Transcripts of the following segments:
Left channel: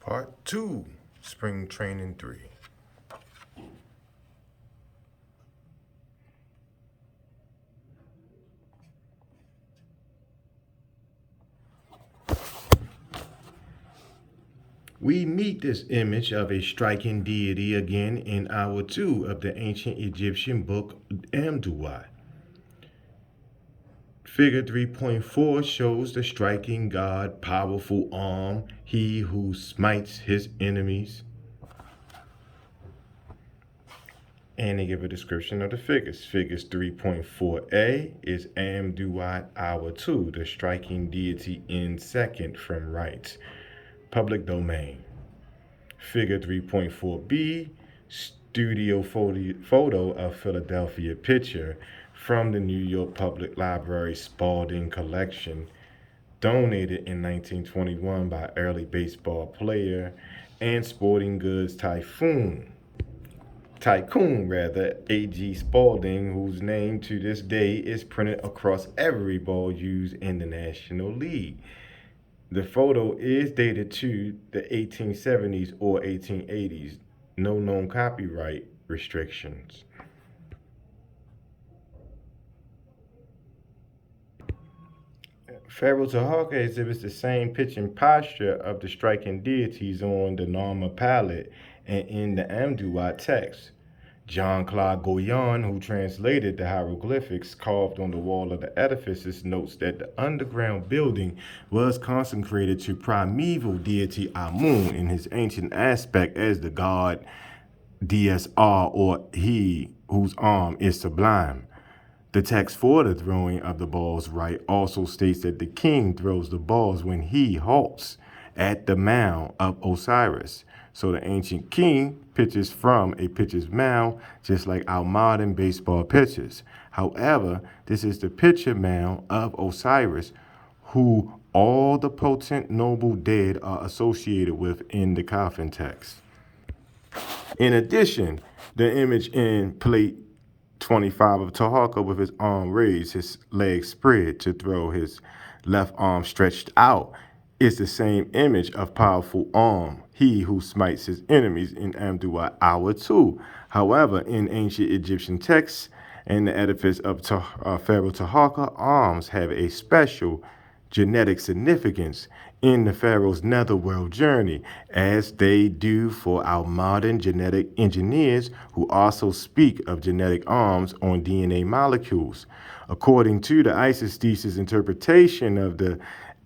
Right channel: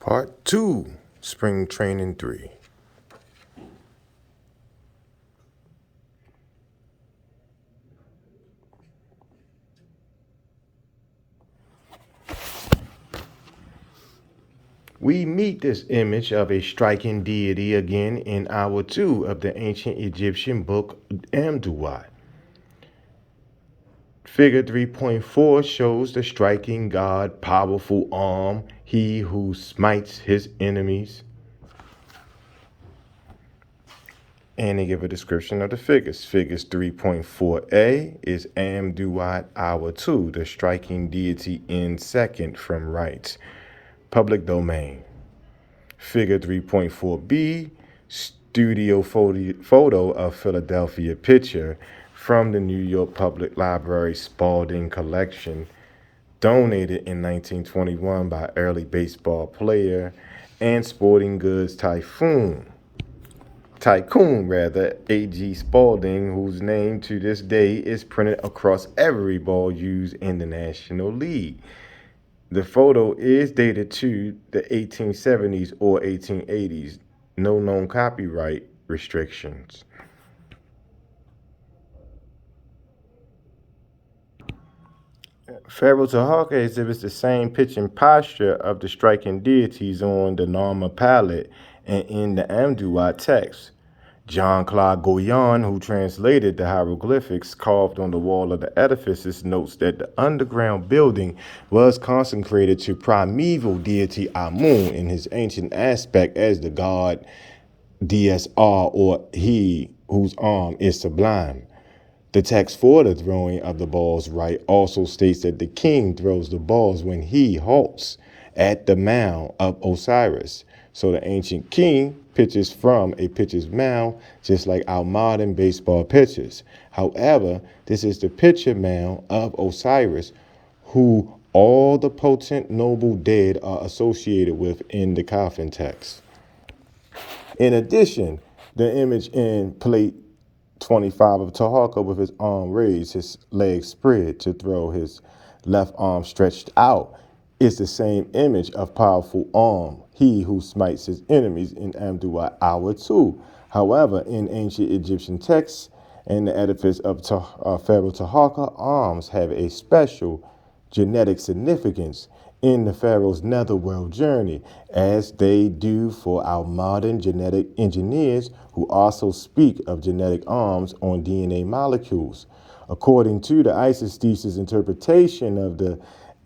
Part 2, Spring Training 3. We meet this image of a striking deity again in hour 2 of the ancient Egyptian book Amduat. Figure 3.4 shows the striking god, powerful arm, he who smites his enemies. And they give a description of the figures. Figures 3.4a is Amduat Hour 2, the striking deity in second from right. Public domain. Figure 3.4b, studio photo of Philadelphia picture from the New York Public Library Spalding collection, donated in 1921 by early baseball player and sporting goods tycoon, A.G. Spalding, whose name to this day is printed across every ball used in the National League. The photo is dated to the 1870s or 1880s. No known copyright restrictions. Pharaoh Taharka exhibits the same pitching posture of the striking deities on the Narmer palette and in the Amduat text. John Claude Goyon, who translated the hieroglyphics carved on the wall of the edifices, notes that the underground building was consecrated to primeval deity Amun in his ancient aspect as the god DSR, or he whose arm is sublime. The text for the throwing of the balls right also states that the king throws the balls when he halts at the mound of Osiris. So the ancient king pitches from a pitcher's mound, just like our modern baseball pitchers. However, this is the pitcher mound of Osiris, who all the potent noble dead are associated with in the coffin text. In addition, the image in plate 25 of Taharka with his arm raised, his legs spread to throw, his left arm stretched out, is the same image of powerful arm, he who smites his enemies in Amduat Hour 2. However, in ancient Egyptian texts and the edifice of Pharaoh Taharka, arms have a special genetic significance in the Pharaoh's netherworld journey, as they do for our modern genetic engineers who also speak of genetic arms on DNA molecules. According to the isosthesis interpretation of the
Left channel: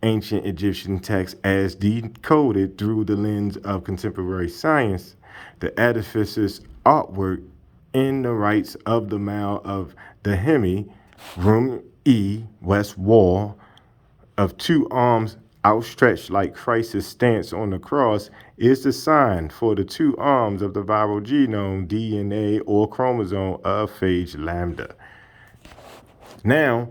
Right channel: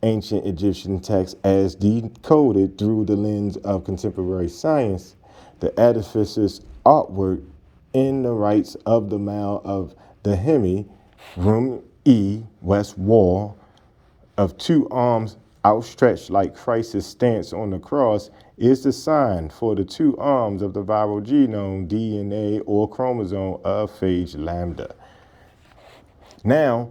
ancient Egyptian text as decoded through the lens of contemporary science, the edifice's artwork in the rites of the mound of the Hemi, room E, west wall, of two arms outstretched like Christ's stance on the cross, is the sign for the two arms of the viral genome, DNA, or chromosome of phage lambda. Now,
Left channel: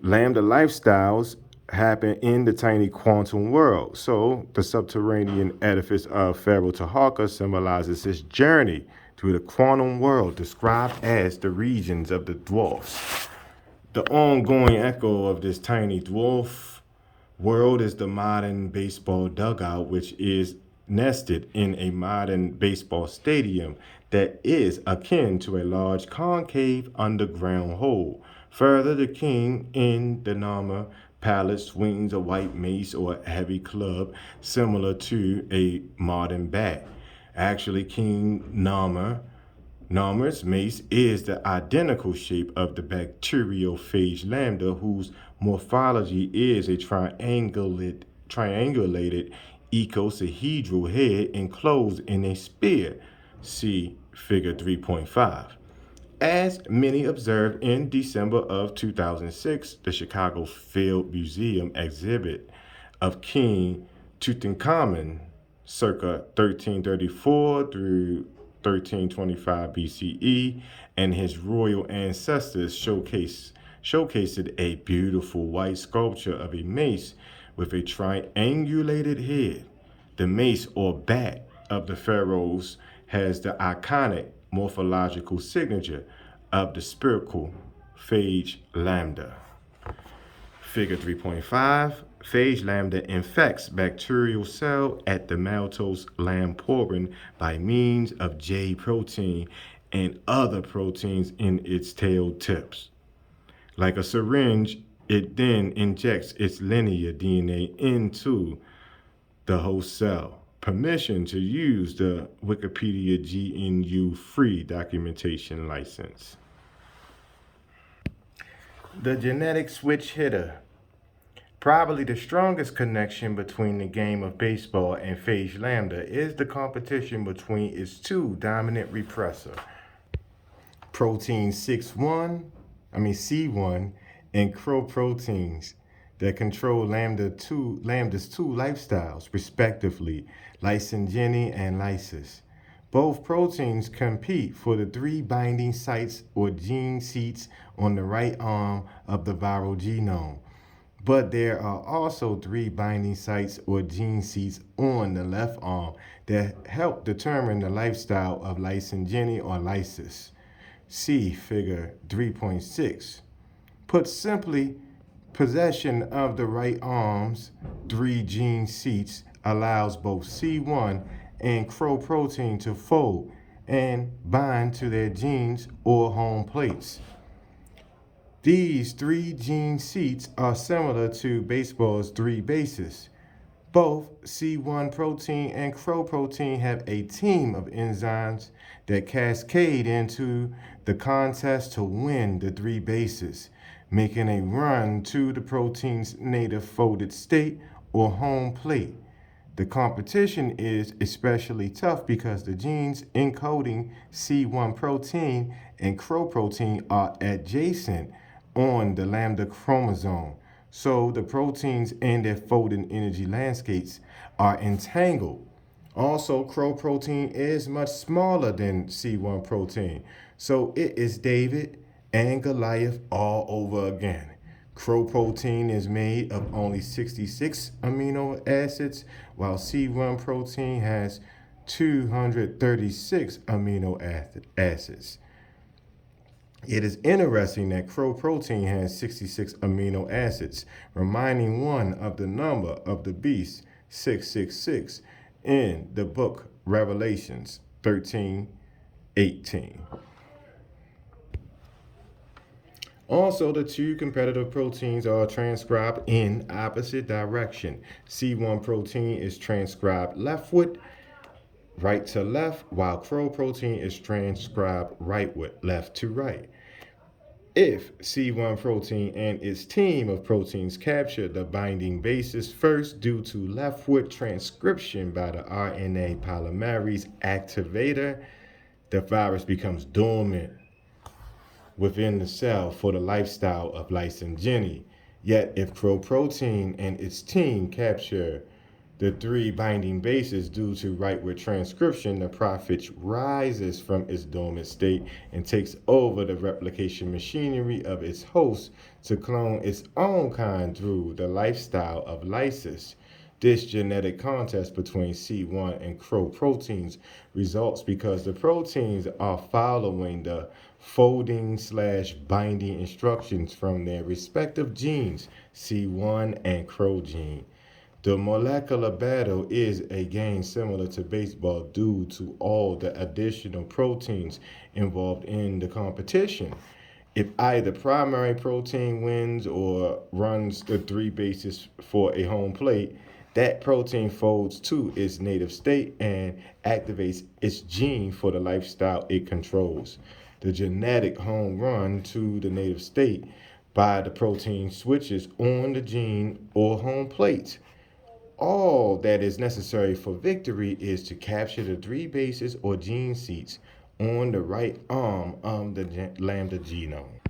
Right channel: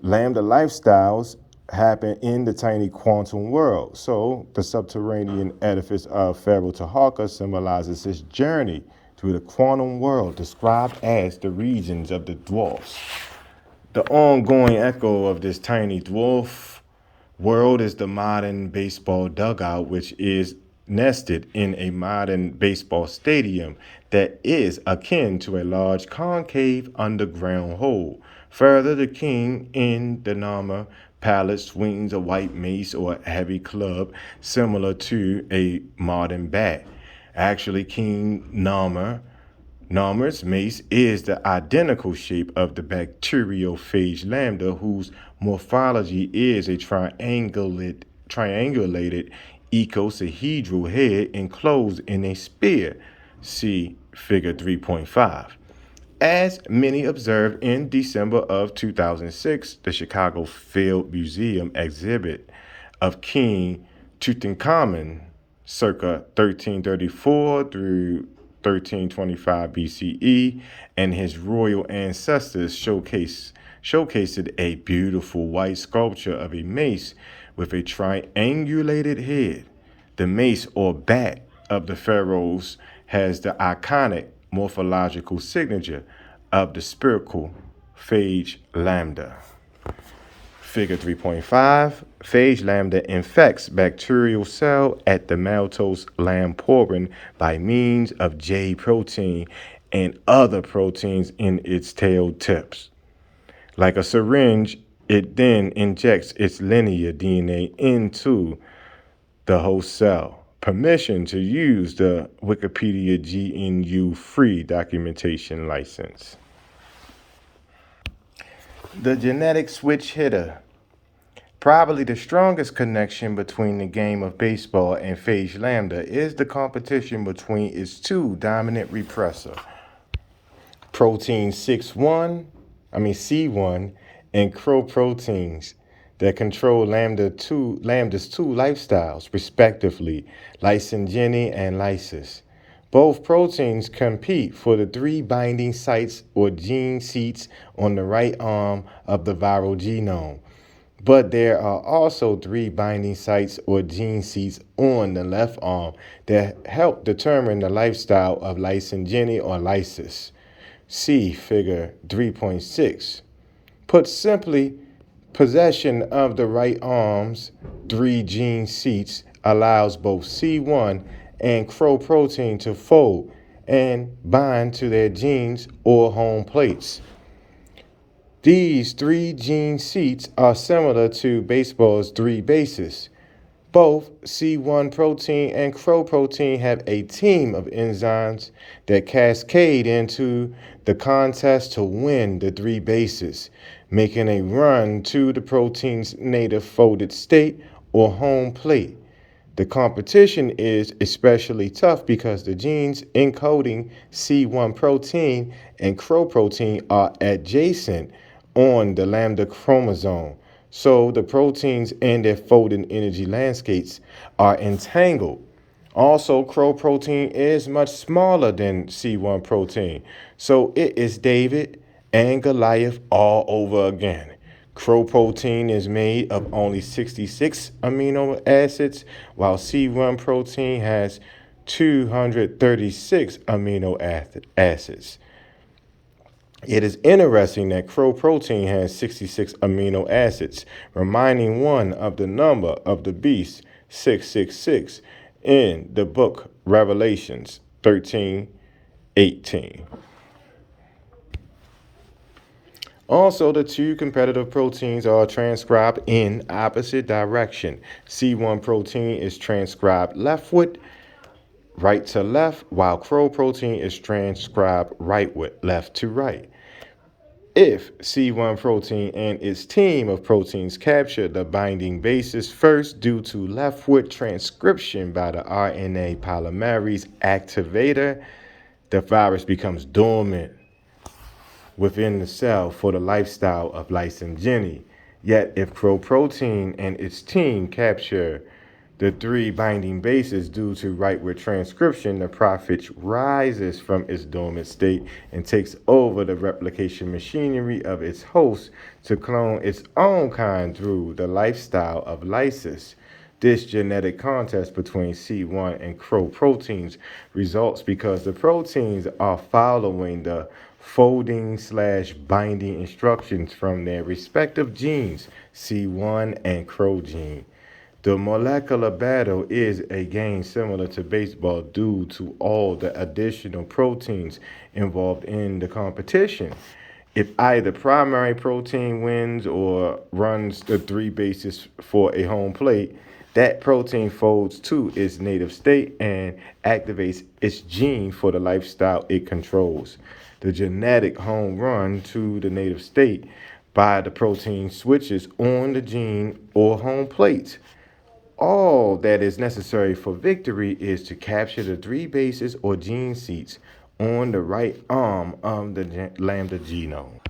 lambda lifestyles happen in the tiny quantum world. So the subterranean edifice of Pharaoh Taharka symbolizes his journey to the quantum world, described as the regions of the dwarfs. The ongoing echo of this tiny dwarf world is the modern baseball dugout, which is nested in a modern baseball stadium that is akin to a large concave underground hole. Further, the king in the Narmer palace swings a white mace or heavy club similar to a modern bat. Actually, King Narmer's mace is the identical shape of the bacteriophage lambda, whose morphology is a triangulated icosahedral head enclosed in a spear. See figure 3.5. As many observed in December of 2006, the Chicago Field Museum exhibit of King Tutankhamun circa 1334 through 1325 BCE and his royal ancestors showcased a beautiful white sculpture of a mace with a triangulated head. The mace or bat of the pharaohs has the iconic morphological signature of the spherical phage lambda. Figure 3.5, Phage lambda infects bacterial cell at the maltose lamporin by means of J protein and other proteins in its tail tips. Like a syringe, it then injects its linear DNA into the host cell. Permission to use the Wikipedia GNU free documentation license. The genetic switch hitter. Probably the strongest connection between the game of baseball and phage lambda is the competition between its two dominant repressor, protein C1 and crow proteins that control lambda's two lifestyles, respectively, lysogeny and lysis. Both proteins compete for the three binding sites or gene seats on the right arm of the viral genome. But there are also three binding sites or gene seats on the left arm that help determine the lifestyle of lysogeny or lysis. See Figure 3.6. Put simply, possession of the right arm's three gene seats allows both C1 and crow protein to fold and bind to their genes or home plates. These three gene seats are similar to baseball's three bases. Both C1 protein and crow protein have a team of enzymes that cascade into the contest to win the three bases, making a run to the protein's native folded state or home plate. The competition is especially tough because the genes encoding C1 protein and crow protein are adjacent on the lambda chromosome. So the proteins and their folding energy landscapes are entangled. Also, crow protein is much smaller than C1 protein, so it is David and Goliath all over again. Crow protein is made of only 66 amino acids, while C1 protein has 236 amino acids. It is interesting that crow protein has 66 amino acids, reminding one of the number of the beast, 666, in the book Revelations 13:18. Also, the two competitive proteins are transcribed in opposite direction. C1 protein is transcribed leftward, right to left, while crow protein is transcribed rightward, left to right. If C1 protein and its team of proteins capture the binding bases first due to leftward transcription by the RNA polymerase activator, the virus becomes dormant within the cell for the lifestyle of lysogeny. Yet, if crow protein and its team capture the three binding bases due to rightward transcription, the prophet rises from its dormant state and takes over the replication machinery of its host to clone its own kind through the lifestyle of lysis. This genetic contest between C1 and crow proteins results because the proteins are following the folding/binding instructions from their respective genes, C1 and crow gene. The molecular battle is a game similar to baseball due to all the additional proteins involved in the competition. If either primary protein wins or runs the three bases for a home plate, that protein folds to its native state and activates its gene for the lifestyle it controls. The genetic home run to the native state by the protein switches on the gene or home plate. All that is necessary for victory is to capture the three bases or gene seats on the right arm of the lambda genome.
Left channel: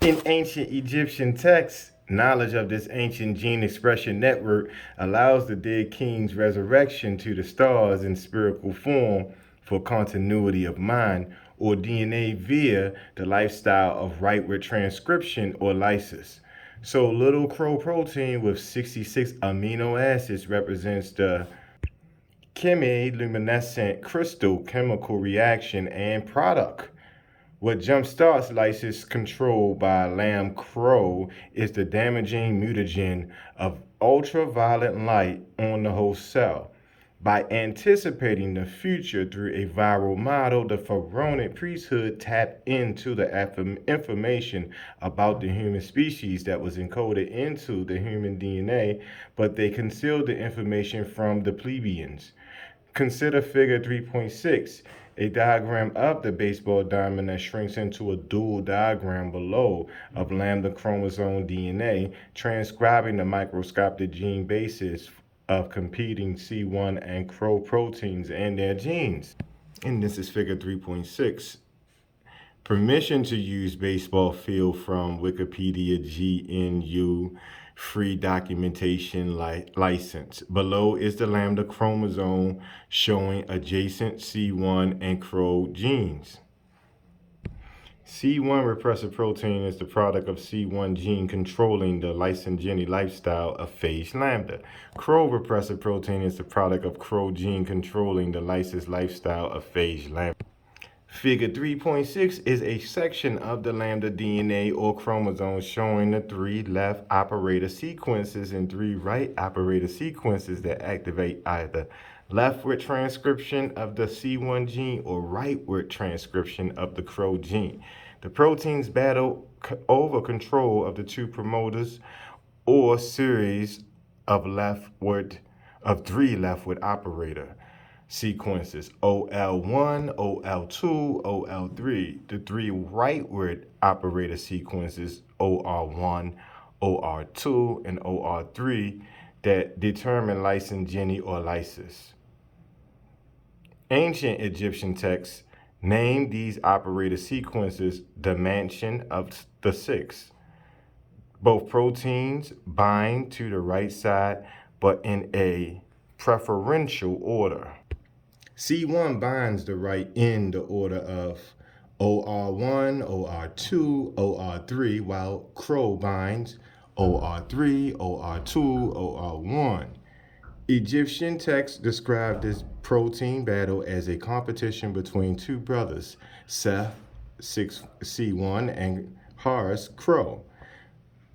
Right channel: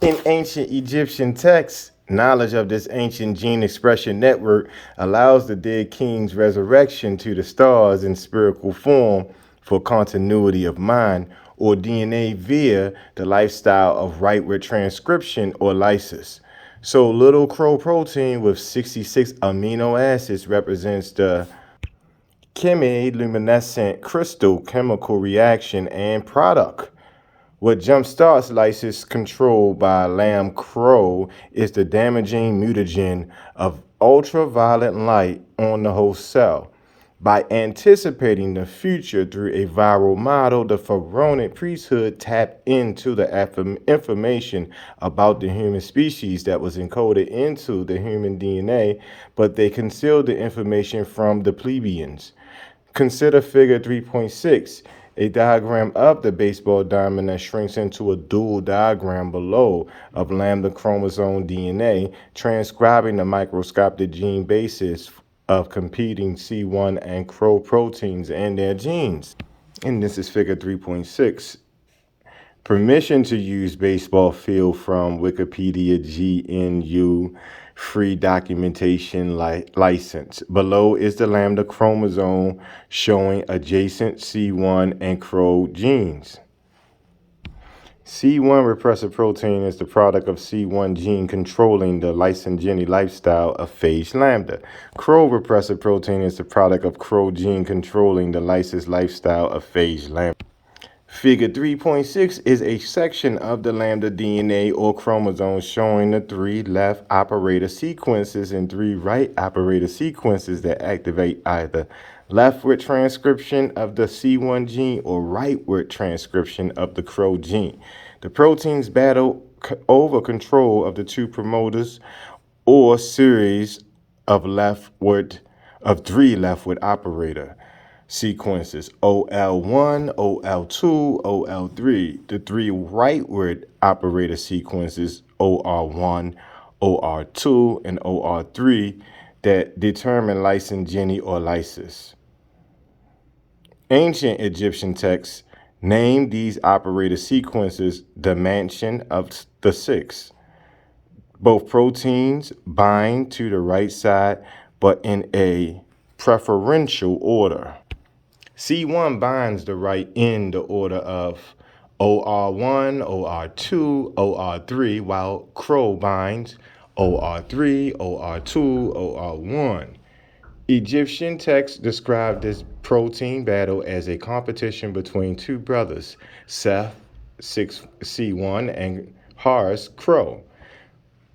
In ancient Egyptian texts, knowledge of this ancient gene expression network allows the dead king's resurrection to the stars in spherical form for continuity of mind or DNA via the lifestyle of rightward transcription or lysis. So little crow protein with 66 amino acids represents the chemiluminescent crystal chemical reaction and product, What jumpstarts lysis control by lamb crow is the damaging mutagen of ultraviolet light on the host cell. By anticipating the future through a viral model, the pharaonic priesthood tapped into the information about the human species that was encoded into the human DNA, but they concealed the information from the plebeians. Consider figure 3.6, a diagram of the baseball diamond that shrinks into a dual diagram below of lambda chromosome DNA, transcribing the microscopic gene basis of competing C1 and CRO proteins and their genes. And this is figure 3.6. Permission to use baseball field from Wikipedia GNU free documentation license. Below is the lambda chromosome showing adjacent C1 and CRO genes. C1 repressor protein is the product of C1 gene controlling the lysogeny lifestyle of phage lambda. CRO repressor protein is the product of CRO gene controlling the lysis lifestyle of phage lambda. Figure 3.6 is a section of the lambda DNA or chromosomes showing the 3 left operator sequences and 3 right operator sequences that activate either leftward transcription of the C1 gene or rightward transcription of the CRO gene. The proteins battle over control of the 2 promoters or series of 3 leftward operator sequences OL1, OL2, OL3. The 3 rightward operator sequences OR1, OR2, and OR3 that determine lysogeny or lysis. Ancient Egyptian texts named these operator sequences the mansion of the 6. Both proteins bind to the right side, but in a preferential order. C1 binds the right in the order of OR1, OR2, OR3, while CRO binds OR3, OR2, OR1. Egyptian texts describe this protein battle as a competition between 2 brothers, Seth, C1, and Horus, CRO.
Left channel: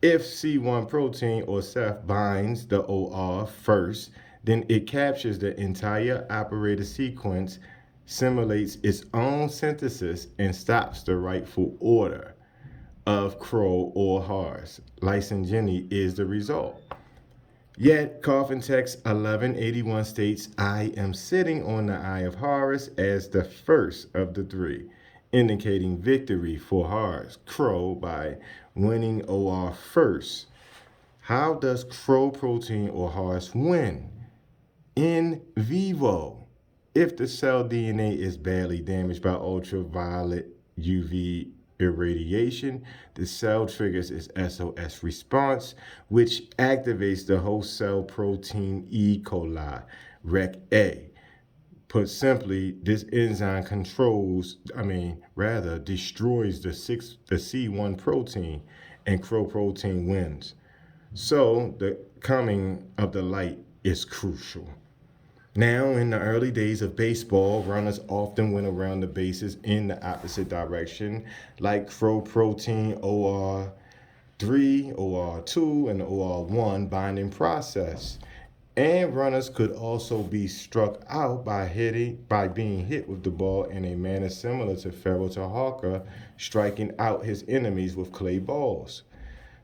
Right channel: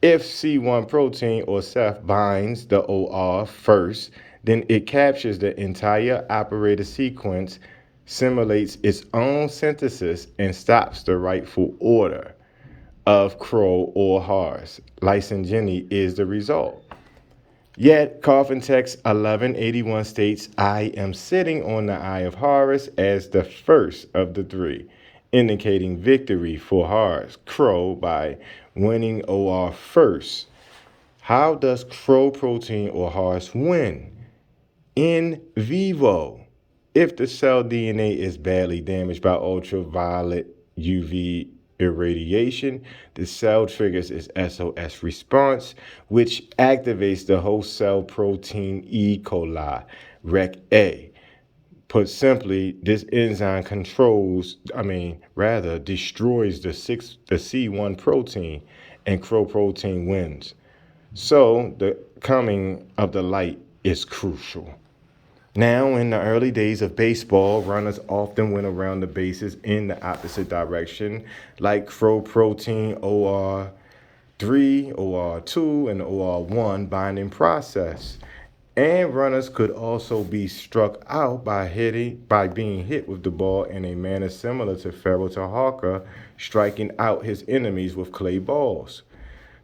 If C1 protein or Seth binds the OR first, then it captures the entire operator sequence, simulates its own synthesis, and stops the rightful order of CRO or Horus. Lysogeny is the result. Yet, Coffin text 1181 states, I am sitting on the eye of Horus as the first of the 3, indicating victory for Horus, CRO, by winning OR first. How does CRO protein or Horus win? In vivo. If the cell DNA is badly damaged by ultraviolet UV irradiation, the cell triggers its SOS response, which activates the host cell protein E. coli, REC-A. Put simply, this enzyme destroys the C1 protein, and CRO protein wins. So the coming of the light is crucial. Now, in the early days of baseball, runners often went around the bases in the opposite direction, like CRO protein OR3, OR2, and OR1 binding process. And runners could also be struck out by being hit with the ball in a manner similar to Pharaoh Taharka striking out his enemies with clay balls.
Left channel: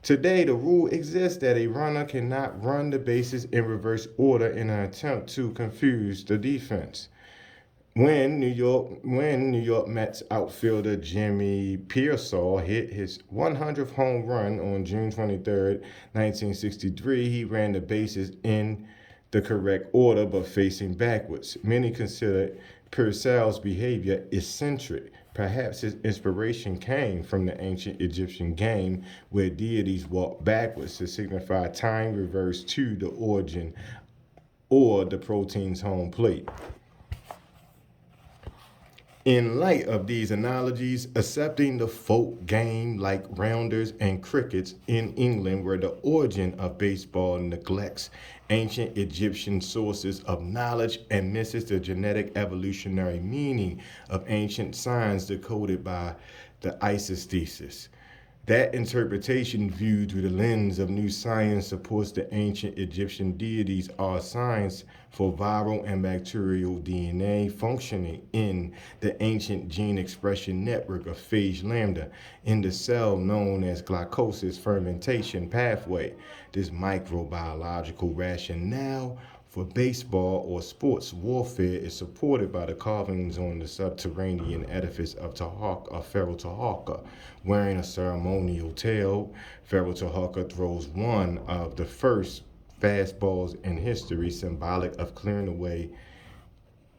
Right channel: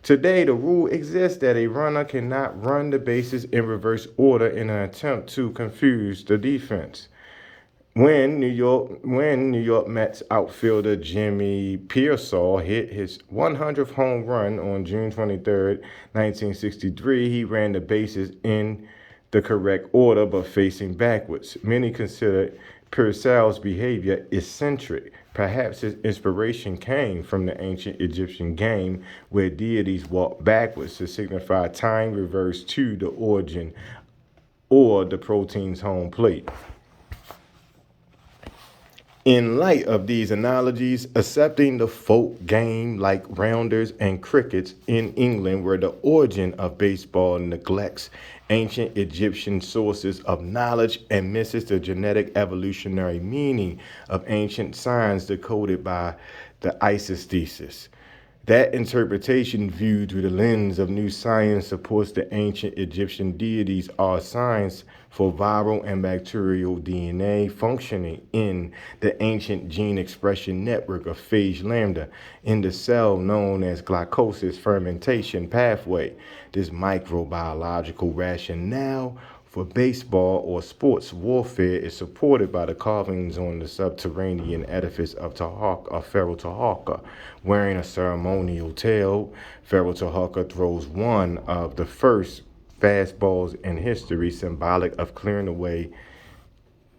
Today, the rule exists that a runner cannot run the bases in reverse order in an attempt to confuse the defense. When New York Mets outfielder Jimmy Pearsall hit his 100th home run on June 23, 1963, he ran the bases in the correct order but facing backwards. Many consider Pearsall's behavior eccentric. Perhaps his inspiration came from the ancient Egyptian game where deities walked backwards to signify time reversed to the origin or the protein's home plate. In light of these analogies, accepting the folk game like rounders and crickets in England where the origin of baseball neglects ancient Egyptian sources of knowledge and misses the genetic evolutionary meaning of ancient signs decoded by the ISIS thesis. That interpretation, viewed through the lens of new science, supports the ancient Egyptian deities are signs for viral and bacterial DNA functioning in the ancient gene expression network of phage lambda in the cell known as glycolysis fermentation pathway. This microbiological rationale for baseball or sports warfare is supported by the carvings on the subterranean edifice of Pharaoh Taharka. Wearing a ceremonial tail, Pharaoh Taharka throws one of the first fastballs in history, symbolic of clearing away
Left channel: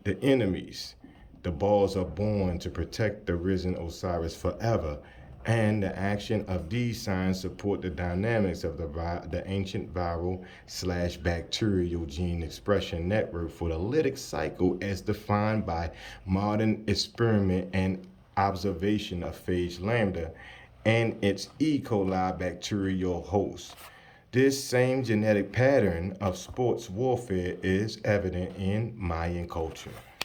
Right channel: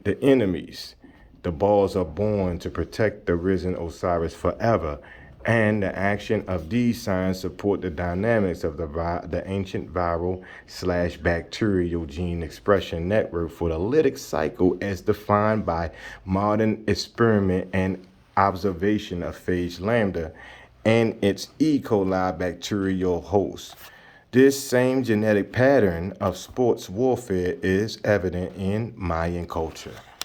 the enemies. The balls are born to protect the risen Osiris forever, and the action of these signs support the dynamics of the ancient viral slash bacterial gene expression network for the lytic cycle as defined by modern experiment and observation of phage lambda and its E. coli bacterial host. This same genetic pattern of sports warfare is evident in Mayan culture.